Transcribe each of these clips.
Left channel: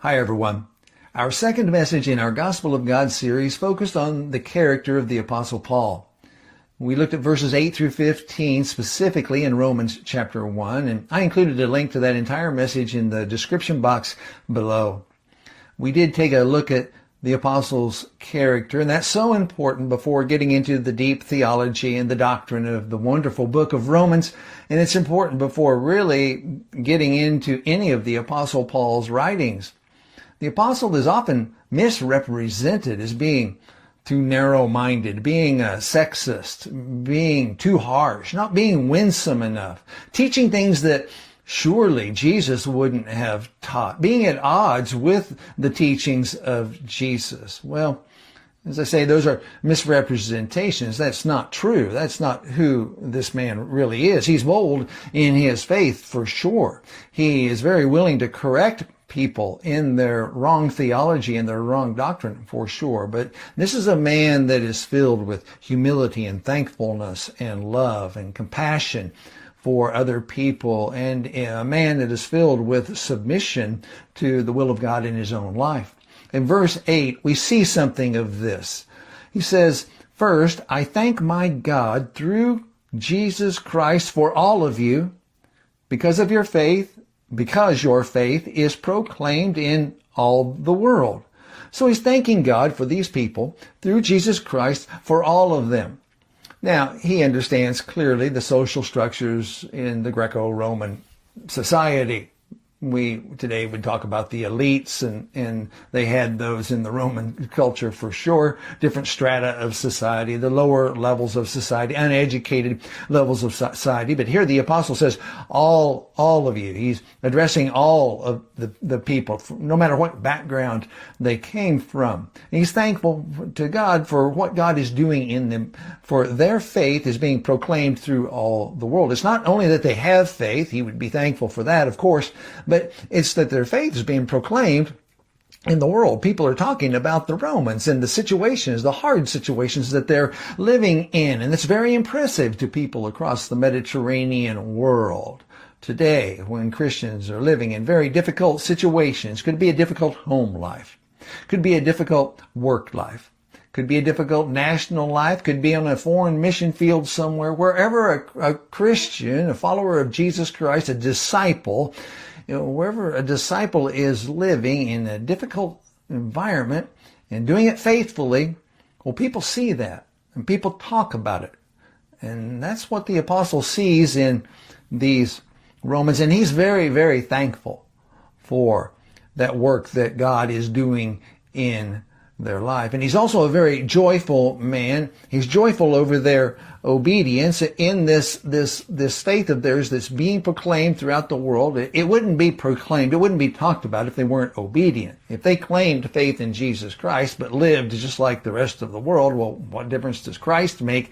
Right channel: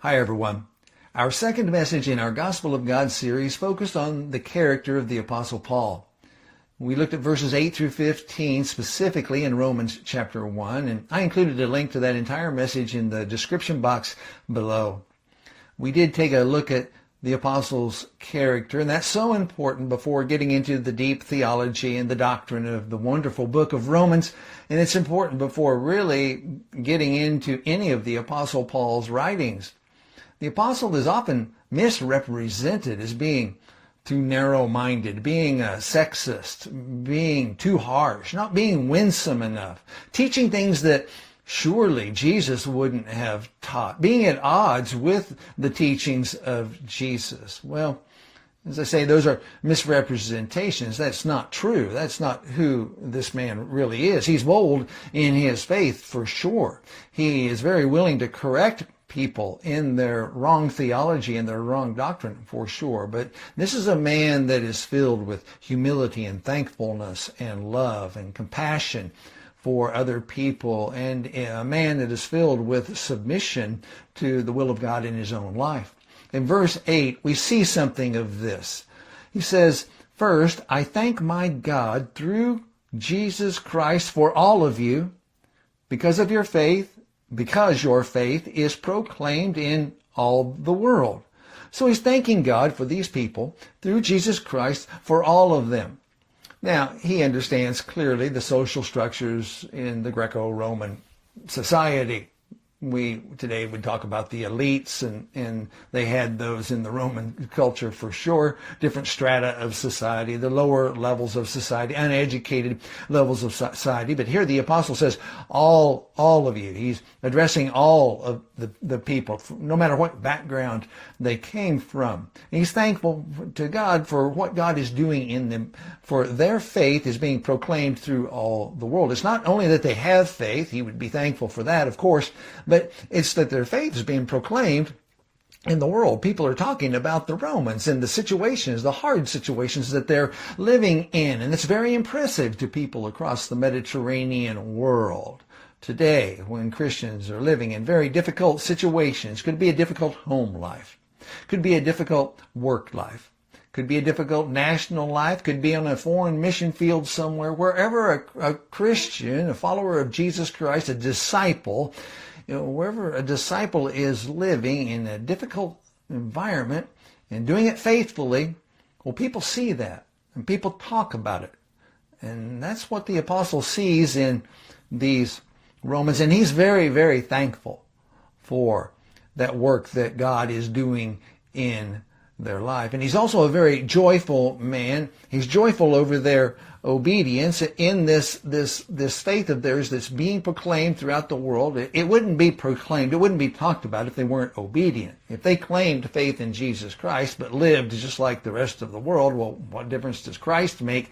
Hi, everyone. Our second message in our Gospel of God series focused on the character of the Apostle Paul. We looked at verses 8 through 15 specifically in Romans chapter 1, and I included a link to that entire message in the description box below. We did take a look at the apostle's character, and that's so important before getting into the deep theology and the doctrine of the wonderful book of Romans, and it's important before really getting into any of the Apostle Paul's writings. The apostle is often misrepresented as being too narrow-minded, being a sexist, being too harsh, not being winsome enough, teaching things that surely Jesus wouldn't have taught, being at odds with the teachings of Jesus. Well, as I say, those are misrepresentations. That's not true. That's not who this man really is. He's bold in his faith for sure. He is very willing to correct people in their wrong theology and their wrong doctrine for sure. But this is a man that is filled with humility and thankfulness and love and compassion for other people, and a man that is filled with submission to the will of God in his own life. In verse 8, we see something of this. He says, "First, I thank my God through Jesus Christ for all of you, because your faith is proclaimed in all the world." So he's thanking God for these people through Jesus Christ for all of them. Now, he understands clearly the social structures in the Greco-Roman society. We today would talk about the elites, and they had those in the Roman culture for sure, different strata of society, the lower levels of society, uneducated levels of society. But here the apostle says, all of you. He's addressing all of the people, no matter what background they came from. And he's thankful to God for what God is doing in them, for their faith is being proclaimed through all the world. It's not only that they have faith, he would be thankful for that, of course, but it's that their faith is being proclaimed in the world. People are talking about the Romans and the situations, the hard situations that they're living in. And it's very impressive to people across the Mediterranean world today when Christians are living in very difficult situations. Could be a difficult home life. Could be a difficult work life. Could be a difficult national life. Could be on a foreign mission field somewhere. Wherever a Christian, a follower of Jesus Christ, a disciple, wherever a disciple is living in a difficult environment and doing it faithfully, well, people see that and people talk about it. And that's what the apostle sees in these Romans. And he's very, very thankful for that work that God is doing in their life. And he's also a very joyful man. He's joyful over their obedience in this faith of theirs that's being proclaimed throughout the world. It wouldn't be proclaimed, it wouldn't be talked about if they weren't obedient. If they claimed faith in Jesus Christ but lived just like the rest of the world, well, what difference does Christ make?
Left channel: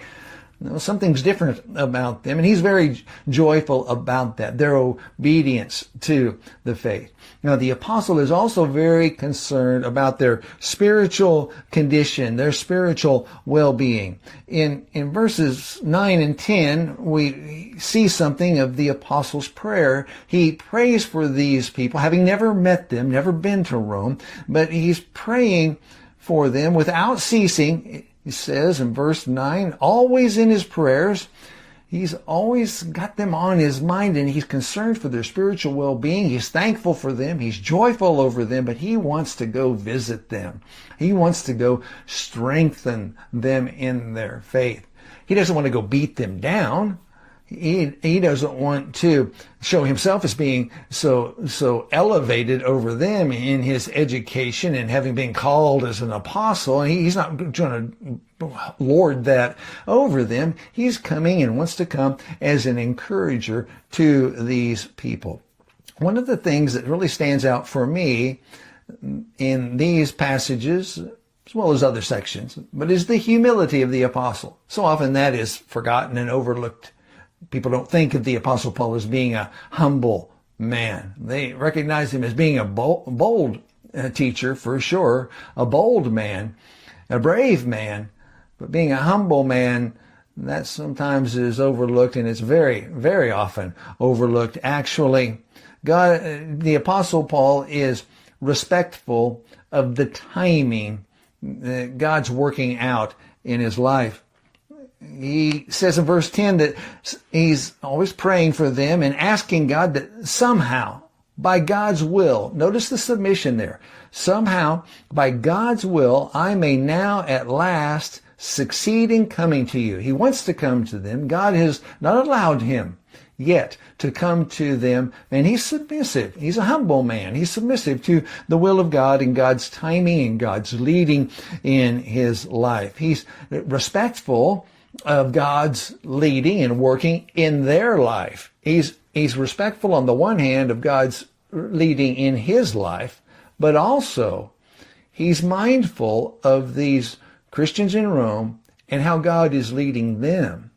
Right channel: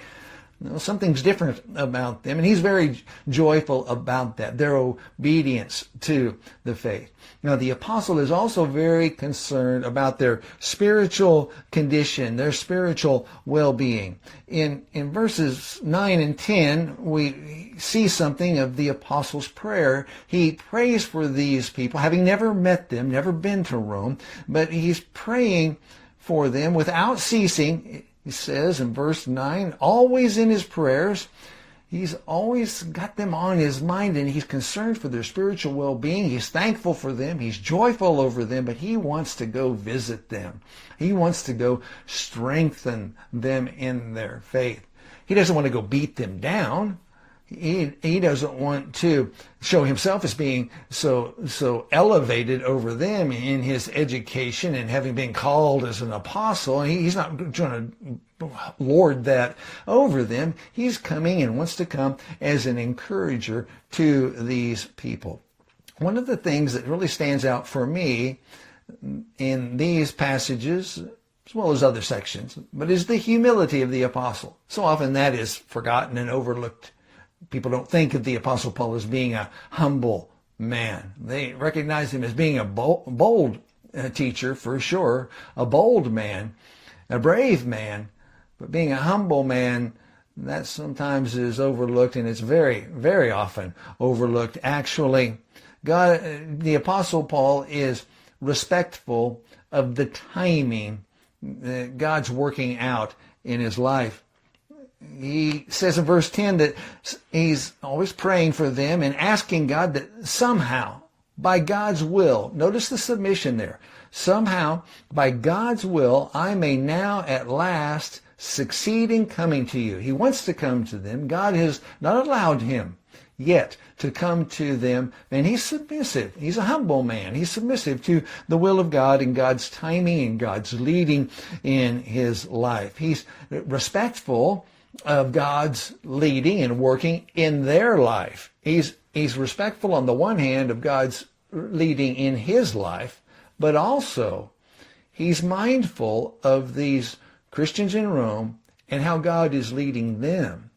Something's different about them, and he's very joyful about that, their obedience to the faith. Now, the apostle is also very concerned about their spiritual condition, their spiritual well-being. In verses 9 and 10, we see something of the apostle's prayer. He prays for these people, having never met them, never been to Rome, but he's praying for them without ceasing. He says in verse 9, always in his prayers, he's always got them on his mind, and he's concerned for their spiritual well-being. He's thankful for them. He's joyful over them, but he wants to go visit them. He wants to go strengthen them in their faith. He doesn't want to go beat them down. He doesn't want to show himself as being so elevated over them in his education and having been called as an apostle. He's not trying to lord that over them. He's coming and wants to come as an encourager to these people. One of the things that really stands out for me in these passages, as well as other sections, but is the humility of the apostle. So often that is forgotten and overlooked. People don't think of the Apostle Paul as being a humble man. They recognize him as being a bold teacher, for sure, a bold man, a brave man. But being a humble man, that sometimes is overlooked, and it's very, very often overlooked. Actually, God, the Apostle Paul is respectful of the timing that God's working out in his life. He says in verse 10 that he's always praying for them and asking God that somehow, by God's will, notice the submission there, somehow, by God's will, I may now at last succeed in coming to you. He wants to come to them. God has not allowed him yet to come to them, and he's submissive. He's a humble man. He's submissive to the will of God and God's timing and God's leading in his life. He's respectful of God's leading and working in their life. He's respectful on the one hand of God's leading in his life, but also he's mindful of these Christians in Rome and how God is leading them.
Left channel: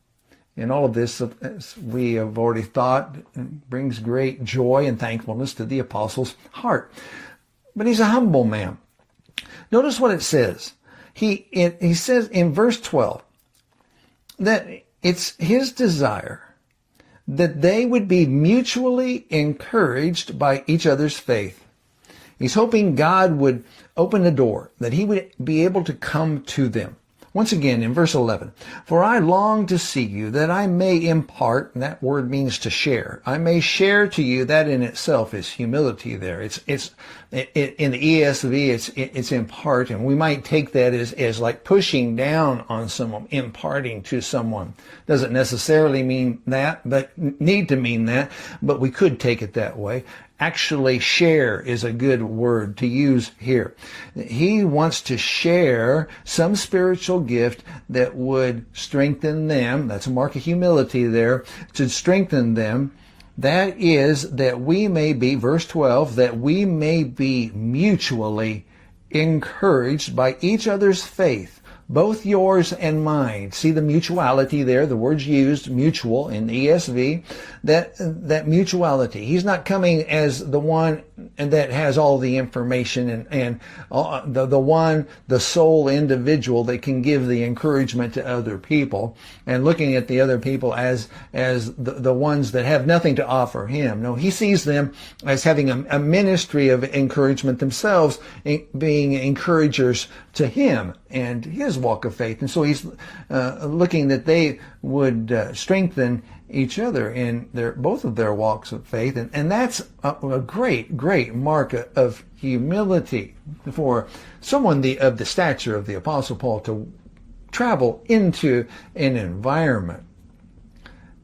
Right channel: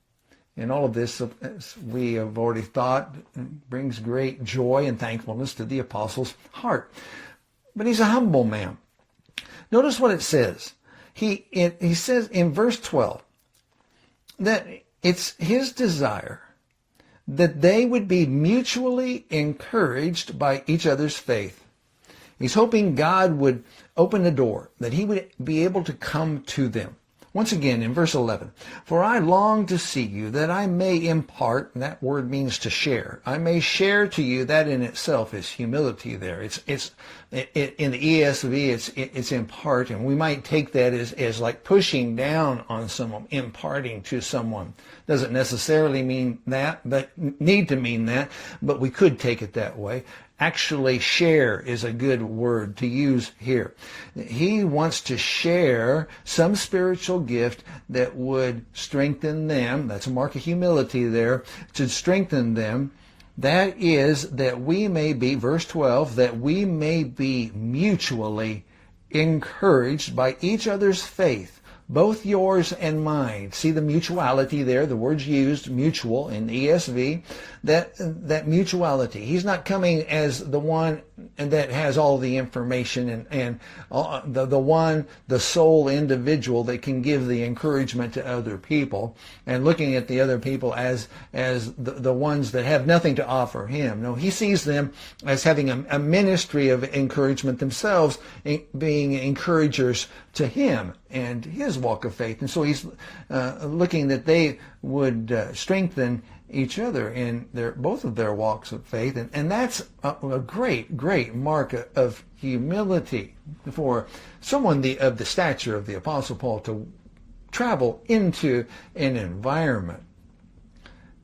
And all of this, as we have already thought, brings great joy and thankfulness to the apostle's heart. But he's a humble man. Notice what it says. He says in verse 12 that it's his desire that they would be mutually encouraged by each other's faith. He's hoping God would open the door, that he would be able to come to them. Once again, in verse 11, for I long to see you, that I may impart, and that word means to share. I may share to you. That in itself is humility there. It's in the ESV, it's impart, and we might take that as like pushing down on someone, imparting to someone. Doesn't necessarily mean that, but need to mean that, but we could take it that way. Actually, share is a good word to use here. He wants to share some spiritual gift that would strengthen them. That's a mark of humility there, to strengthen them. That is that we may be, verse 12, that we may be mutually encouraged by each other's faith, both yours and mine. See the mutuality there, the word's used, mutual, in the ESV, that mutuality. He's not coming as the one that has all the information and the sole individual that can give the encouragement to other people, and looking at the other people as the ones that have nothing to offer him. No, he sees them as having a ministry of encouragement themselves, being encouragers to him and his walk of faith. And so he's looking that they would strengthen each other in both of their walks of faith. And that's a great mark of humility for someone of the stature of the Apostle Paul, to travel into an environment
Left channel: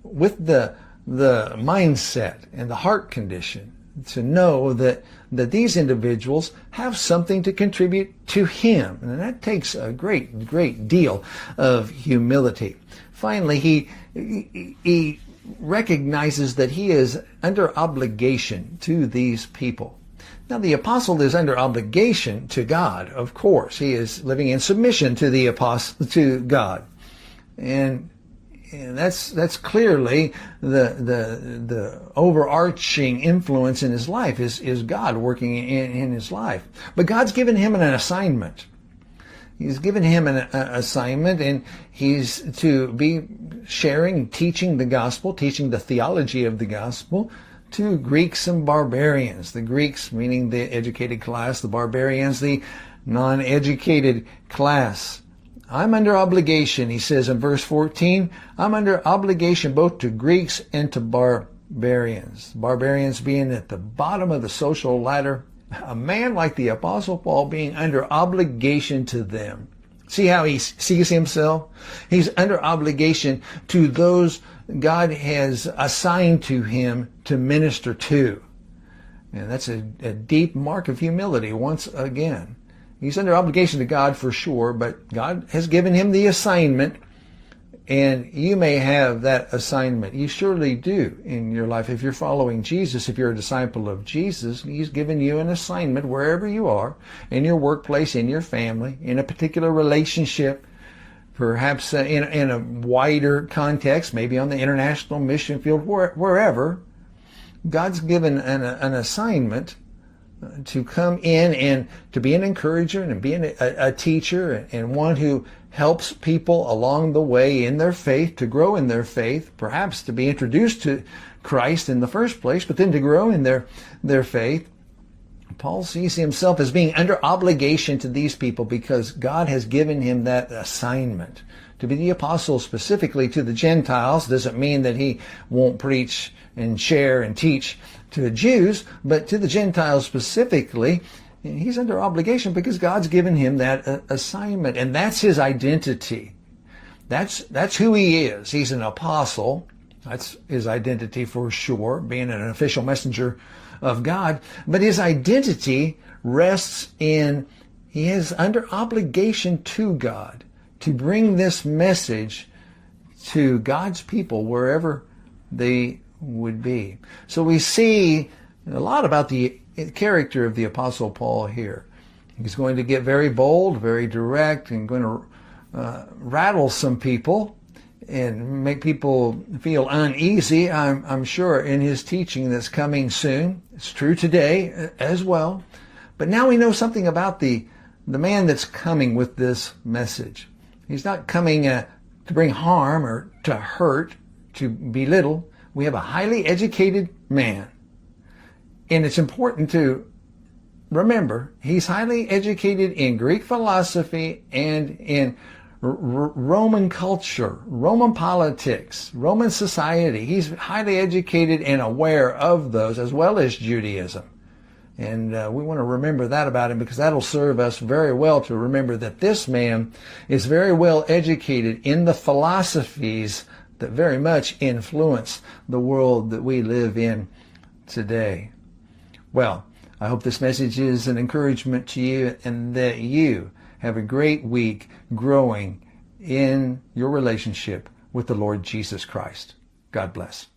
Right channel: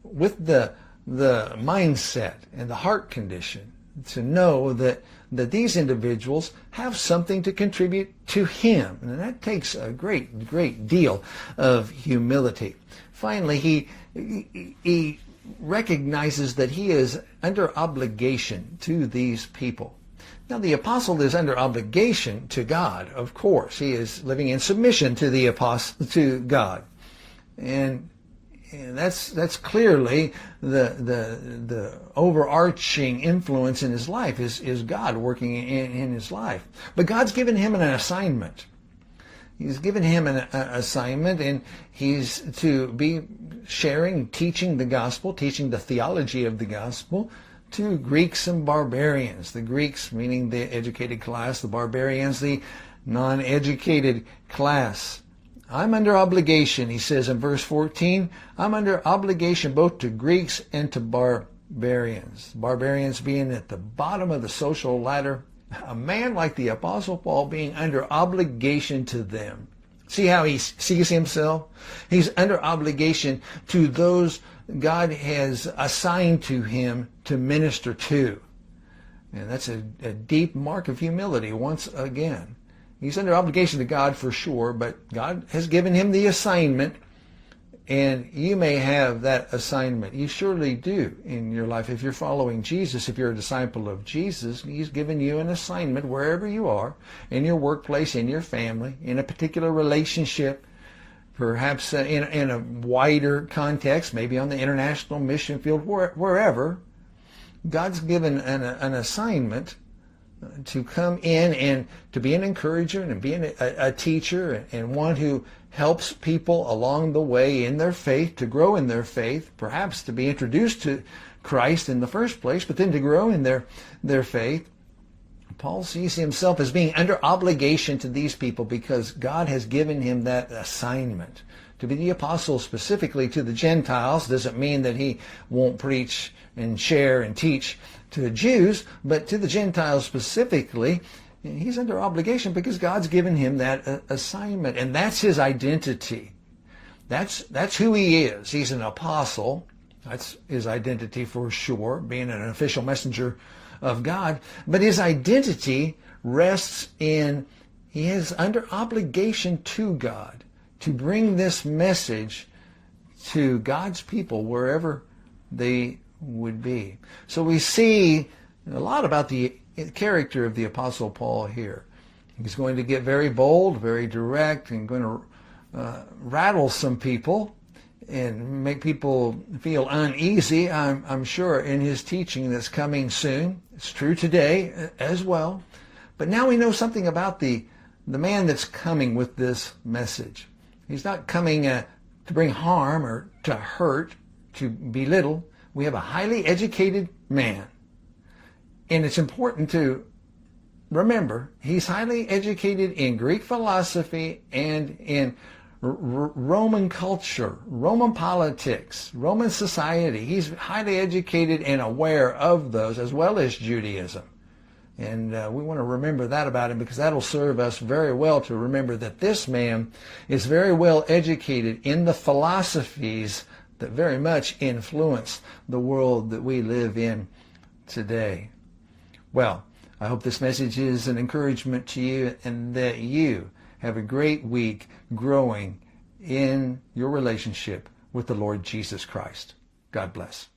with the mindset and the heart condition to know that these individuals have something to contribute to him. And that takes a great deal of humility. Finally, he recognizes that he is under obligation to these people. Now, the apostle is under obligation to God, of course. He is living in submission to the apostle, to God. And that's clearly the overarching influence in his life is God working in his life. But God's given him an assignment. He's given him an assignment, and he's to be sharing, teaching the gospel, teaching the theology of the gospel to Greeks and barbarians. The Greeks meaning the educated class, the barbarians the non-educated class. I'm under obligation, he says in verse 14, I'm under obligation both to Greeks and to barbarians. Barbarians being at the bottom of the social ladder. A man like the Apostle Paul being under obligation to them. See how he sees himself? He's under obligation to those God has assigned to him to minister to. And that's a deep mark of humility once again. He's under obligation to God for sure, but God has given him the assignment, and you may have that assignment. You surely do in your life. If you're following Jesus, if you're a disciple of Jesus, he's given you an assignment wherever you are, in your workplace, in your family, in a particular relationship, perhaps in a wider context, maybe on the international mission field, wherever. God's given an assignment to come in and to be an encourager and be a teacher and one who helps people along the way in their faith, to grow in their faith, perhaps to be introduced to Christ in the first place, but then to grow in their faith, Paul sees himself as being under obligation to these people because God has given him that assignment to be the apostle specifically to the Gentiles. Doesn't mean that he won't preach and share and teach to the Jews, but to the Gentiles specifically, he's under obligation because God's given him that assignment, and that's his identity. That's who he is. He's an apostle. That's his identity for sure, being an official messenger of God. But his identity rests in he is under obligation to God to bring this message to God's people wherever they would be. So we see a lot about the character of the Apostle Paul here. He's going to get very bold, very direct, and going to rattle some people and make people feel uneasy, I'm sure, in his teaching that's coming soon. It's true today as well. But now we know something about the man that's coming with this message. He's not coming to bring harm or to hurt, to belittle. We have a highly educated man. And it's important to remember, he's highly educated in Greek philosophy and in Roman culture, Roman politics, Roman society. He's highly educated and aware of those, as well as Judaism. And we want to remember that about him, because that'll serve us very well to remember that this man is very well educated in the philosophies that very much influence the world that we live in today. Well, I hope this message is an encouragement to you, and that you have a great week growing in your relationship with the Lord Jesus Christ. God bless.